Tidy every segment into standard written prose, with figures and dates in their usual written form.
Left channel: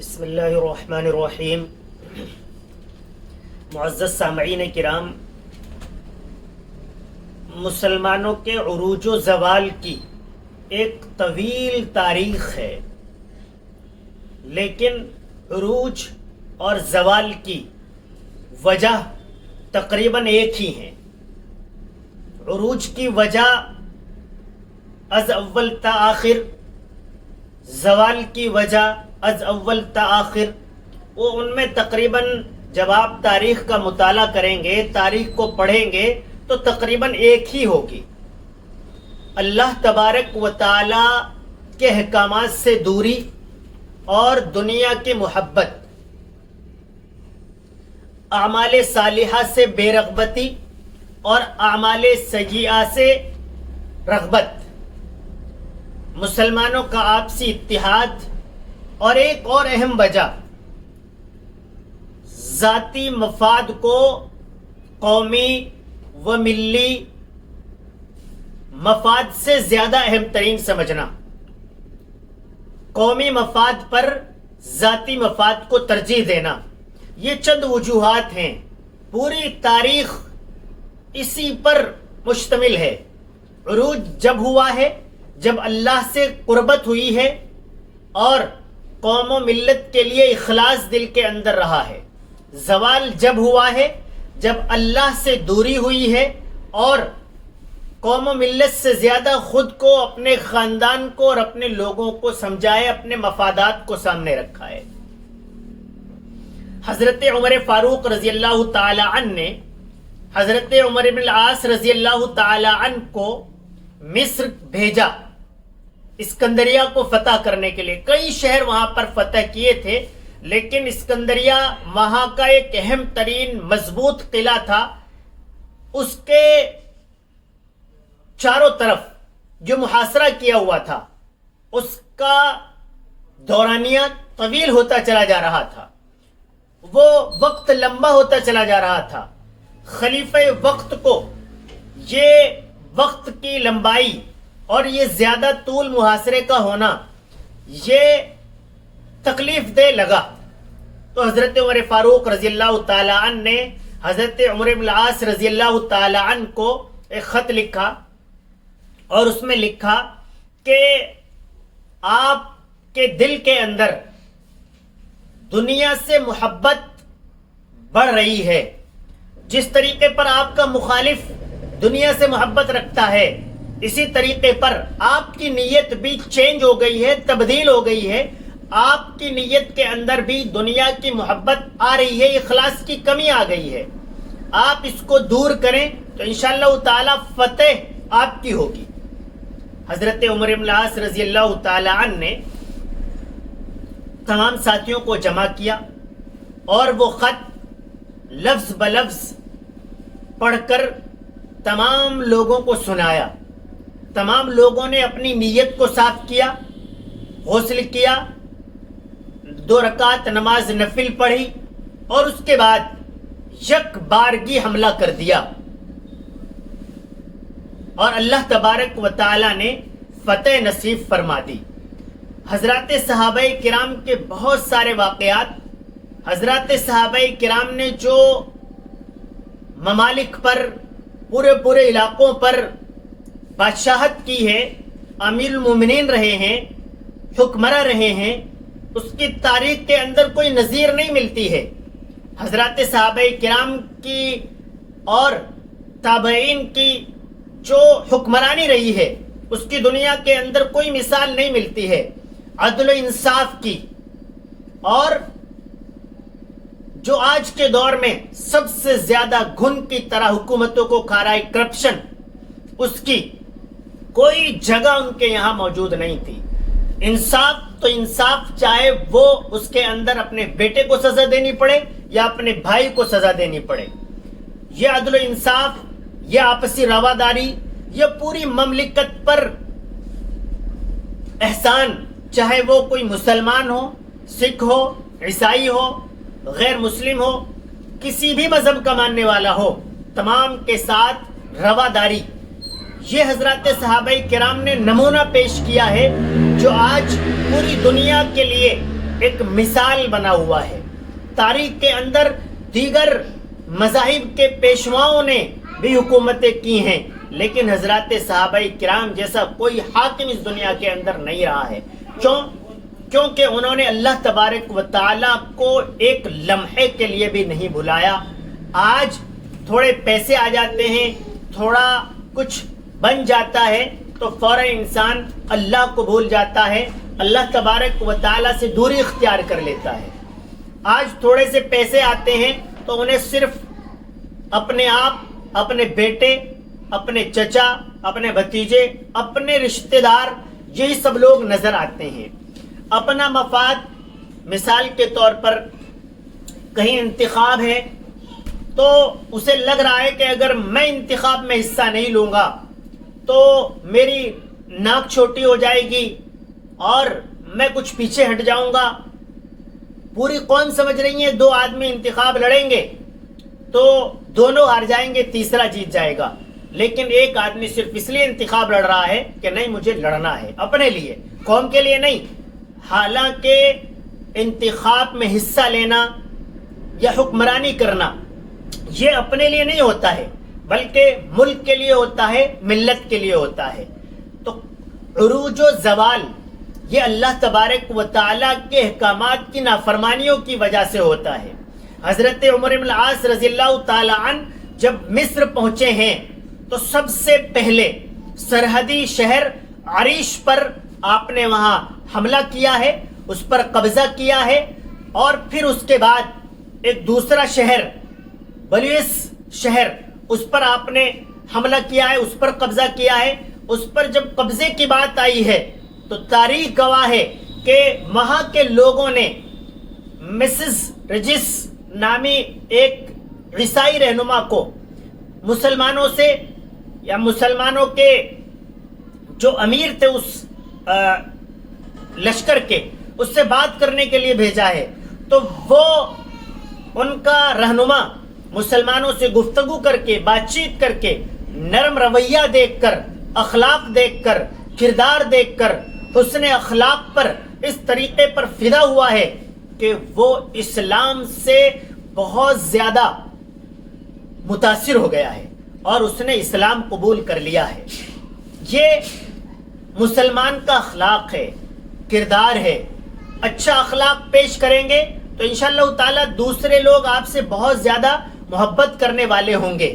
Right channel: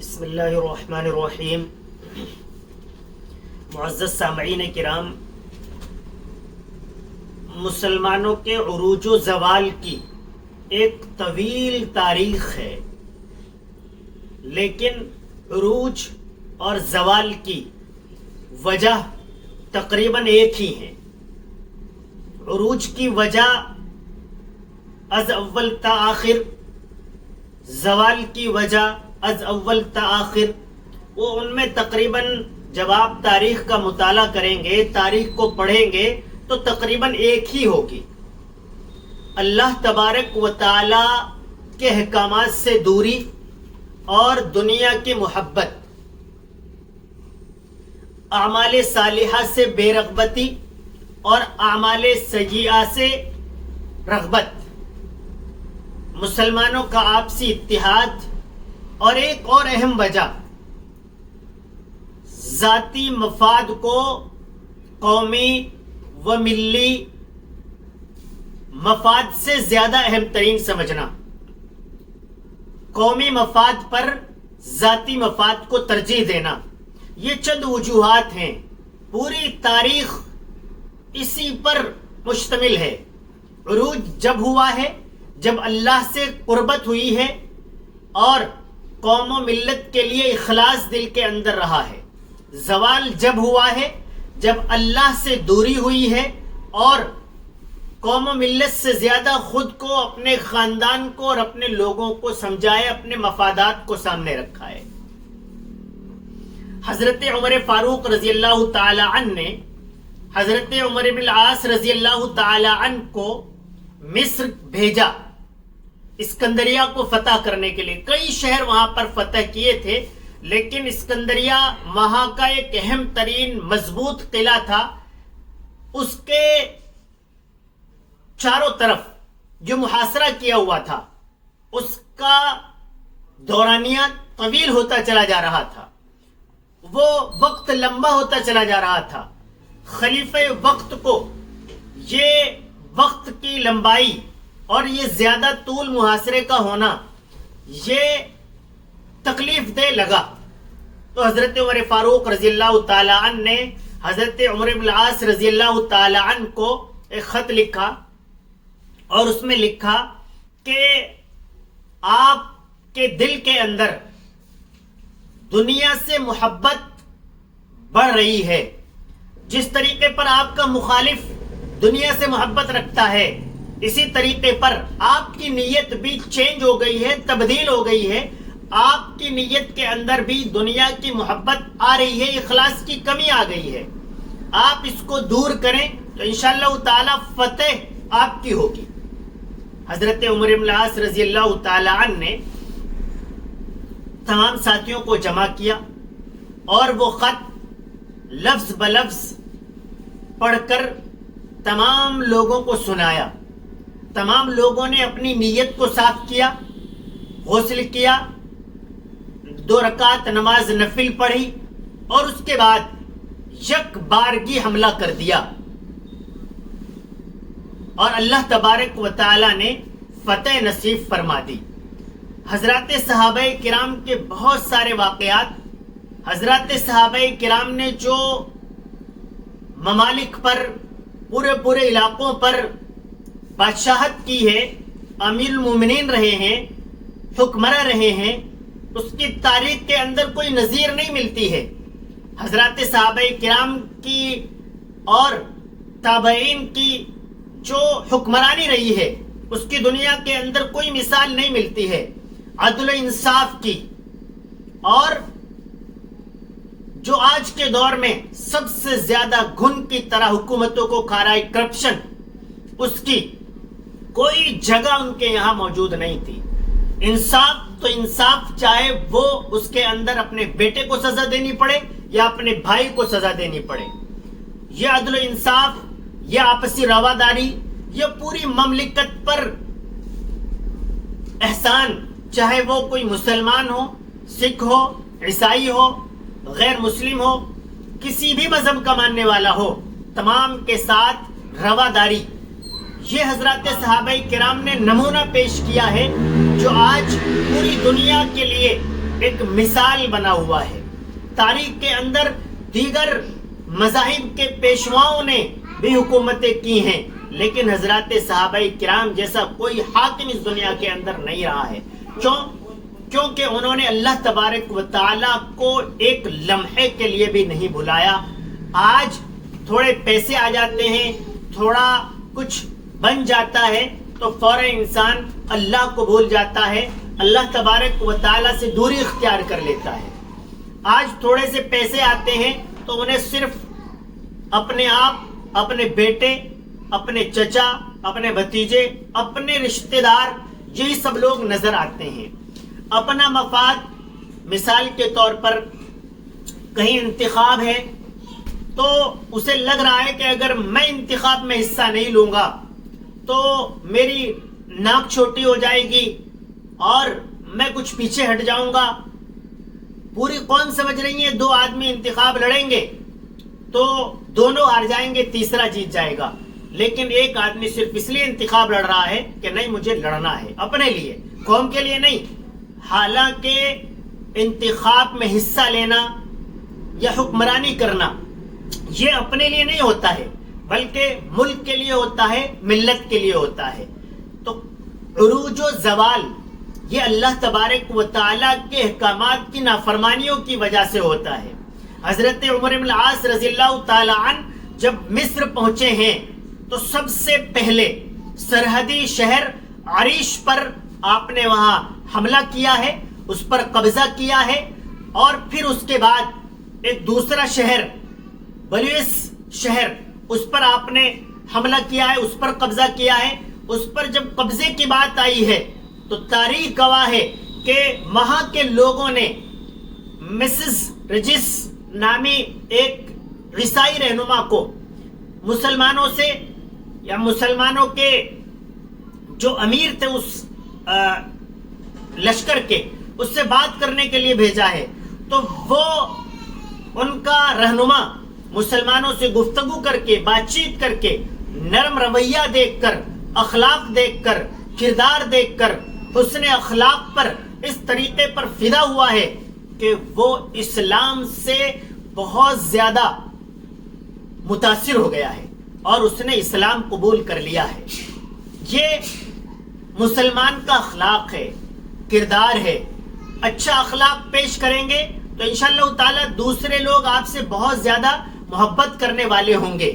بسم اللہ الرحمن الرحیم۔ معزز سامعین کرام، مسلمانوں کے عروج و زوال کی ایک طویل تاریخ ہے، لیکن عروج اور زوال کی وجہ تقریباً ایک ہی ہے۔ عروج کی وجہ از اول تا آخر، زوال کی وجہ از اول تا آخر، وہ ان میں تقریباً جب آپ تاریخ کا مطالعہ کریں گے، تاریخ کو پڑھیں گے تو تقریباً ایک ہی ہوگی۔ اللہ تبارک و تعالی کے احکامات سے دوری اور دنیا کی محبت، اعمال صالحہ سے بے رغبتی اور اعمال سیئہ سے رغبت، مسلمانوں کا آپسی اتحاد، اور ایک اور اہم وجہ ذاتی مفاد کو قومی و ملی مفاد سے زیادہ اہم ترین سمجھنا، قومی مفاد پر ذاتی مفاد کو ترجیح دینا، یہ چند وجوہات ہیں۔ پوری تاریخ اسی پر مشتمل ہے۔ عروج جب ہوا ہے جب اللہ سے قربت ہوئی ہے اور قوم و ملت کے لیے اخلاص دل کے اندر رہا ہے۔ زوال جب ہوا ہے جب اللہ سے دوری ہوئی ہے اور قوم و ملت سے زیادہ خود کو، اپنے خاندان کو اور اپنے لوگوں کو سمجھائے، اپنے مفادات کو سامنے رکھا ہے۔ حضرت عمر فاروق رضی اللہ تعالی عنہ نے حضرت عمر بن العاص رضی اللہ تعالی عنہ کو مصر بھیجا اسکندریہ کو فتح کرنے کے لیے۔ کئی شہر وہاں پر فتح کیے تھے، لیکن اسکندریہ وہاں کا ایک اہم ترین مضبوط قلعہ تھا۔ اس کے چاروں طرف جو محاصرہ کیا ہوا تھا، اس کا دورانیہ طویل ہوتا چلا جا رہا تھا، وہ وقت لمبا ہوتا چلا جا رہا تھا۔ خلیفہ وقت کو یہ وقت کی لمبائی اور یہ زیادہ طول محاصرے کا ہونا یہ تکلیف دہ لگا، تو حضرت عمر فاروق رضی اللہ تعالی عنہ نے حضرت عمر بن العاص رضی اللہ تعالی عنہ کو ایک خط لکھا اور اس میں لکھا کہ آپ کے دل کے اندر دنیا سے محبت بڑھ رہی ہے، جس طریقے پر آپ کا مخالف دنیا سے محبت رکھتا ہے، اسی طریقے پر آپ کی نیت بھی چینج ہو گئی ہے، تبدیل ہو گئی ہے۔ آپ کی نیت کے اندر بھی دنیا کی محبت آ رہی ہے، اخلاص کی کمی آ گئی ہے۔ آپ اس کو دور کریں تو انشاءاللہ تعالی فتح آپ کی ہوگی۔ حضرت عمر بن العاص رضی اللہ تعالی عنہ نے تمام ساتھیوں کو جمع کیا اور وہ خط لفظ بلفظ پڑھ کر تمام لوگوں کو سنایا۔ تمام لوگوں نے اپنی نیت کو صاف کیا، غسل کیا، 2 رکعت نماز نفل پڑھی اور اس کے بعد یک بارگی حملہ کر دیا، اور اللہ تبارک و تعالی نے فتح نصیب فرما دی۔ حضرات صحابہ کرام کے بہت سارے واقعات، حضرات صحابہ کرام نے جو ممالک پر، پورے علاقوں پر بادشاہت کی ہے، امیر المومنین رہے ہیں، حکمراں رہے ہیں، اس کی تاریخ کے اندر کوئی نظیر نہیں ملتی ہے۔ حضرات صحابہ کرام کی اور تابعین کی جو حکمرانی رہی ہے، اس کی دنیا کے اندر کوئی مثال نہیں ملتی ہے، عدل و انصاف کی۔ اور جو آج کے دور میں سب سے زیادہ گھن کی طرح حکومتوں کو کھا رہا ہے، کرپشن، اس کی کوئی جگہ ان کے یہاں موجود نہیں تھی۔ انصاف تو انصاف، چاہے وہ اس کے اندر اپنے بیٹے کو سزا دینی پڑے یا اپنے بھائی کو سزا دینی پڑے، یہ عدل و انصاف، یہ آپسی رواداری، یہ پوری مملکت پر احسان، چاہے وہ کوئی مسلمان ہو، سکھ ہو، عیسائی ہو، غیر مسلم ہو، کسی بھی مذہب کا ماننے والا ہو، تمام کے ساتھ رواداری، یہ حضرات صحابہ کرام نے نمونہ پیش کیا ہے، جو آج پوری دنیا کے لیے ایک مثال بنا ہوا ہے. تاریخ کے اندر دیگر مذاہب کے پیشواؤں نے بھی حکومتیں کی ہیں، لیکن حضرات صحابہ کرام جیسا کوئی حاکم اس دنیا کے اندر نہیں رہا ہے. کیونکہ انہوں نے اللہ تبارک و تعالیٰ کو ایک لمحے کے لیے بھی نہیں بلایا. آج تھوڑے پیسے آ جاتے ہیں، تھوڑا کچھ بن جاتا ہے تو فوراً انسان اللہ کو بھول جاتا ہے، اللہ تبارک و تعالیٰ سے دوری اختیار کر لیتا ہے. آج تھوڑے سے پیسے آتے ہیں تو انہیں صرف اپنے آپ، اپنے بیٹے، اپنے چچا، اپنے بھتیجے، اپنے رشتہ دار، یہی سب لوگ نظر آتے ہیں. اپنا مفاد، مثال کے طور پر کہیں انتخاب ہے تو اسے لگ رہا ہے کہ اگر میں انتخاب میں حصہ نہیں لوں گا تو میری ناک چھوٹی ہو جائے گی اور میں کچھ پیچھے ہٹ جاؤں گا. پوری قوم سمجھ رہی ہے 2 آدمی انتخاب لڑیں گے تو دونوں ہار جائیں گے، تیسرا جیت جائے گا. لیکن ایک آدمی صرف اس لیے انتخاب لڑ رہا ہے کہ نہیں مجھے لڑنا ہے اپنے لیے، قوم کے لیے نہیں. حالانکہ انتخاب میں حصہ لینا یا حکمرانی کرنا یہ اپنے لیے نہیں ہوتا ہے، بلکہ ملک کے لیے ہوتا ہے، ملت کے لیے ہوتا ہے. تو عروج و زوال یہ اللہ تبارک و تعالیٰ کے احکامات کی نافرمانیوں کی وجہ سے ہوتا ہے. حضرت عمر بن العاص رضی اللہ تعالی عنہ جب مصر پہنچے ہیں تو سب سے پہلے سرحدی شہر عریش پر آپ نے وہاں حملہ کیا ہے، اس پر قبضہ کیا ہے، اور پھر اس کے بعد ایک دوسرا شہر بلیس شہر، اس پر آپ نے حملہ کیا ہے، اس پر قبضہ کیا ہے. اس پر جب قبضے کی بات آئی ہے تو تاریخ گواہ ہے کہ وہاں کے لوگوں نے مسز رجس نامی ایک عیسائی رہنما کو مسلمانوں سے یا مسلمانوں کے جو امیر تھے اس لشکر کے، اس سے بات کرنے کے لیے بھیجا ہے. تو وہ ان کا رہنما مسلمانوں سے گفتگو کر کے، بات چیت کر کے، نرم رویہ دیکھ کر، اخلاق دیکھ کر، کردار دیکھ کر، حسن اخلاق پر اس طریقے پر فدا ہوا ہے کہ وہ اسلام سے بہت زیادہ متاثر ہو گیا ہے اور اس نے اسلام قبول کر لیا ہے. یہ مسلمان کا اخلاق ہے، کردار ہے. اچھا اخلاق پیش کریں گے تو انشاءاللہ تعالی دوسرے لوگ آپ سے بہت زیادہ محبت کرنے والے ہوں گے.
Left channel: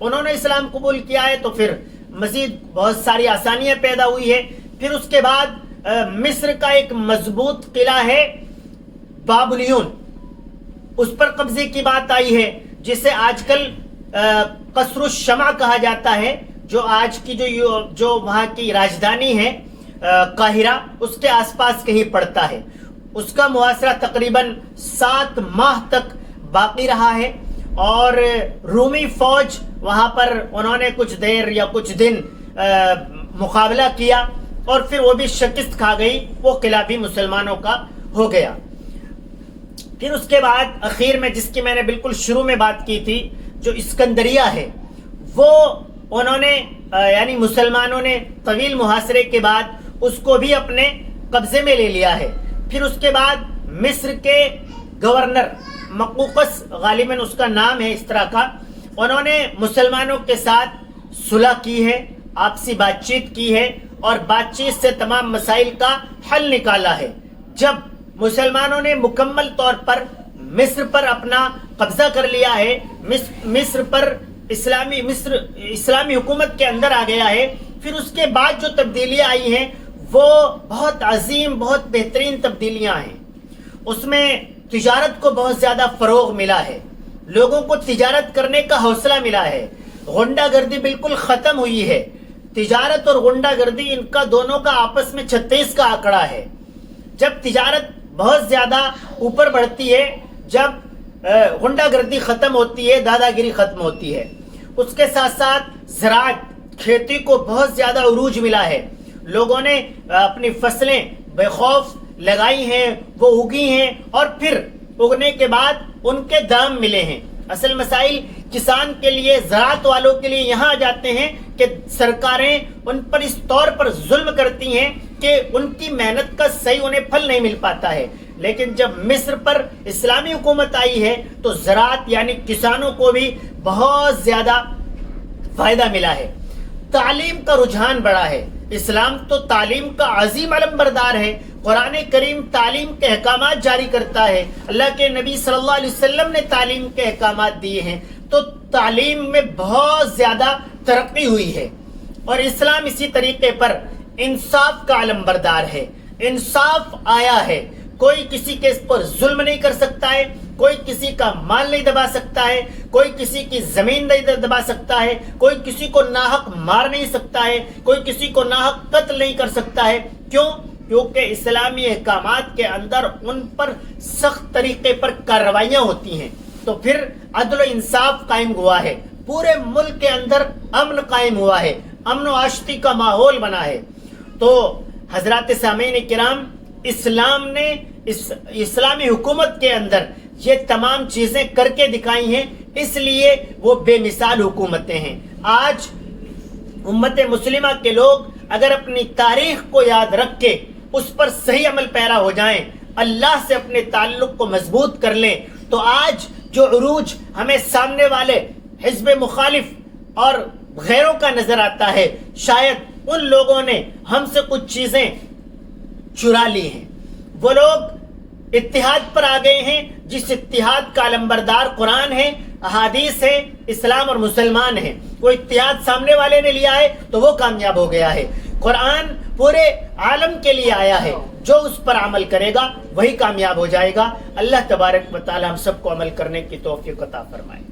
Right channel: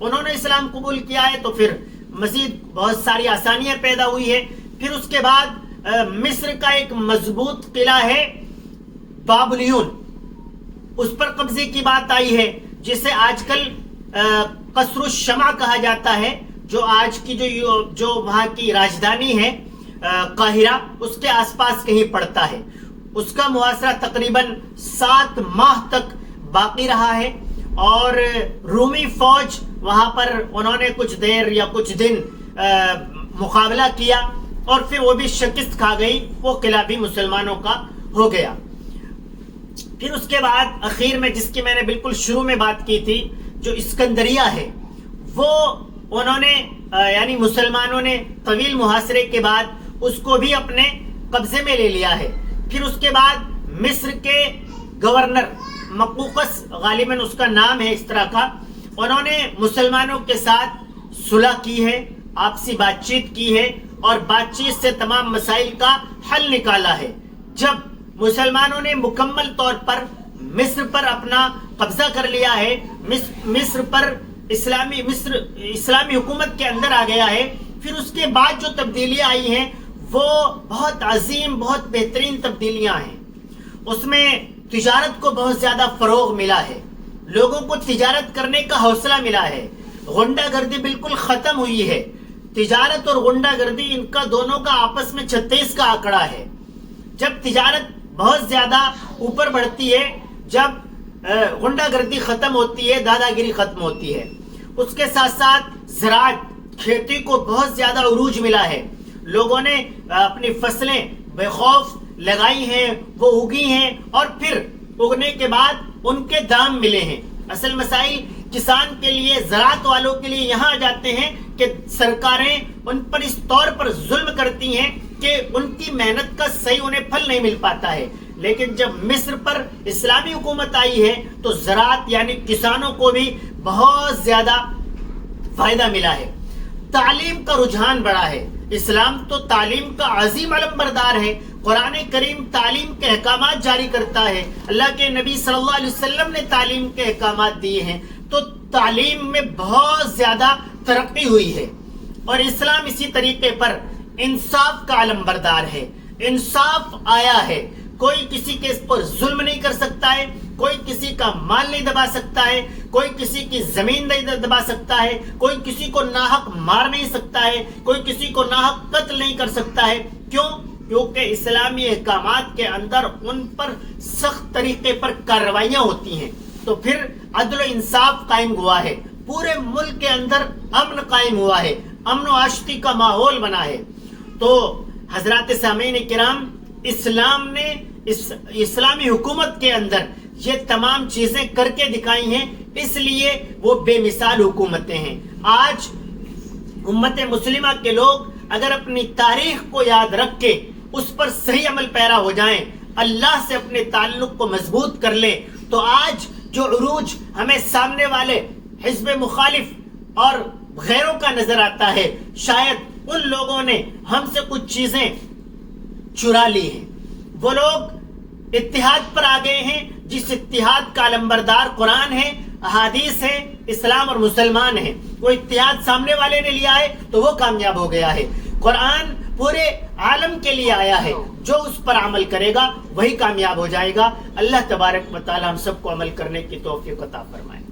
انہوں نے اسلام قبول کیا ہے تو پھر مزید بہت ساری آسانیاں پیدا ہوئی ہے. پھر اس کے بعد مصر کا ایک مضبوط قلعہ ہے بابلیون، اس پر قبضے کی بات آئی ہے، جسے آج کل قصر الشمع کہا جاتا ہے، جو آج کی جو وہاں کی راجدھانی ہے قاہرہ، اس کے آس پاس کہیں پڑتا ہے. اس کا محاصرہ تقریباً 7 ماہ تک باقی رہا ہے اور رومی فوج وہاں پر انہوں نے کچھ دیر یا کچھ دن مقابلہ کیا اور پھر وہ بھی شکست کھا گئی، وہ قلعہ بھی مسلمانوں کا ہو گیا. پھر اس کے بعد اخیر میں جس کی میں نے بالکل شروع میں بات کی تھی، جو اسکندریہ ہے، وہ انہوں نے یعنی مسلمانوں نے طویل محاصرے کے بعد اس کو بھی اپنے قبضے میں لے لیا ہے. پھر اس کے بعد مصر کے گورنر مقوقس، غالباً اس کا نام ہے اس طرح کا، انہوں نے مسلمانوں کے ساتھ صلح کی ہے، آپسی بات چیت کی ہے اور بات چیت سے تمام مسائل کا حل نکالا ہے. جب مسلمانوں نے مکمل طور پر مصر پر اپنا قبضہ کر لیا ہے، مصر پر اسلامی حکومت کے اندر آ گیا ہے، پھر اس کے بعد جو تبدیلیاں آئی ہیں وہ بہت عظیم، بہت بہترین تبدیلیاں ہیں. اس میں تجارت کو بہت زیادہ فروغ ملا ہے، لوگوں کو تجارت کرنے کا حوصلہ ملا ہے، غنڈہ گردی بالکل ختم ہوئی ہے. تجارت اور غنڈہ گردی ان کا دونوں کا آپس میں 36 کا آنکڑا ہے. جب تجارت بہت زیادہ اوپر بڑھتی ہے، جب غنڈہ گردی ختم ہوتی ہے، دادا گیری ختم ہوتی ہے. اس کے ساتھ ساتھ زراعت، کھیتی کو بہت زیادہ عروج ملا ہے. لوگوں نے اپنی فصلیں بے خوف لگائی ہیں، وہ اگی ہیں اور پھر اگنے کے بعد ان کے دام ملے ہیں. اصل مسائل کسان کے لیے، زراعت والوں کے لیے یہاں جاتے ہیں کہ سرکاریں ان پر اس طور پر ظلم کرتی ہیں کہ ان کی محنت کا صحیح انہیں پھل نہیں مل پاتا ہے. لیکن جب مصر پر اسلامی حکومت آئی ہے تو زراعت یعنی کسانوں کو بھی بہت زیادہ فائدہ ملا ہے. تعلیم کا رجحان بڑھا ہے. اسلام تو تعلیم کا عظیم علمبردار ہے. قرآن کریم تعلیم کے احکامات جاری کرتا ہے. اللہ کے نبی صلی اللہ علیہ وسلم نے تعلیم کے احکامات دیے ہیں. تو تعلیم میں بہت زیادہ ترقی ہوئی ہے. اور اسلام اسی طریقے پر انصاف کا علمبردار ہے. انصاف آیا ہے. کوئی کسی کے پر ظلم نہیں کر سکتا ہے. کوئی کسی کا مال نہیں دبا سکتا ہے. کوئی کسی کی زمین نہیں دبا سکتا ہے. کوئی کسی کو ناحق مار نہیں سکتا ہے. کوئی کسی کو ناحق قتل نہیں کر سکتا ہے. کیوں؟ کیونکہ اسلامی احکامات کے اندر ان پر سخت طریقے پر کارروائیاں ہوتی ہیں. تو پھر عدل و انصاف قائم ہوا ہے. پورے ملک کے اندر امن قائم ہوا ہے. امن و آشتی کا ماحول بنا ہے. تو حضرات سامعین کرام، اسلام نے اسلامی حکومت کے اندر یہ تمام چیزیں کر کے دکھائی ہیں، اس لیے وہ بے مثال حکومتیں ہیں. آج امت مسلمہ کے لوگ اگر اپنی تاریخ کو یاد رکھ کے اس پر صحیح عمل پیرا ہو جائیں، اللہ سے اپنے تعلق کو مضبوط کر لیں، تو آج جو عروج ہمیں سامنے والے حزب مخالف اور غیروں کا نظر آتا ہے، شاید ان لوگوں نے ہم سے کچھ چیزیں چرا لی ہیں. وہ لوگ اتحاد پر آ گئے ہیں، جس اتحاد کا علمبردار قرآن ہے، احادیث ہے، اسلام اور مسلمان ہیں. وہ اتحاد سامنے والے نے لیا ہے تو وہ کامیاب ہو گیا ہے. قرآن پورے عالم کے لیے آیا ہے. جو اس پر عمل کرے گا وہی کامیاب ہو جائے گا. اللہ تبارک و تعالی ہم سب کو عمل کرنے کی توفیق عطا فرمائے.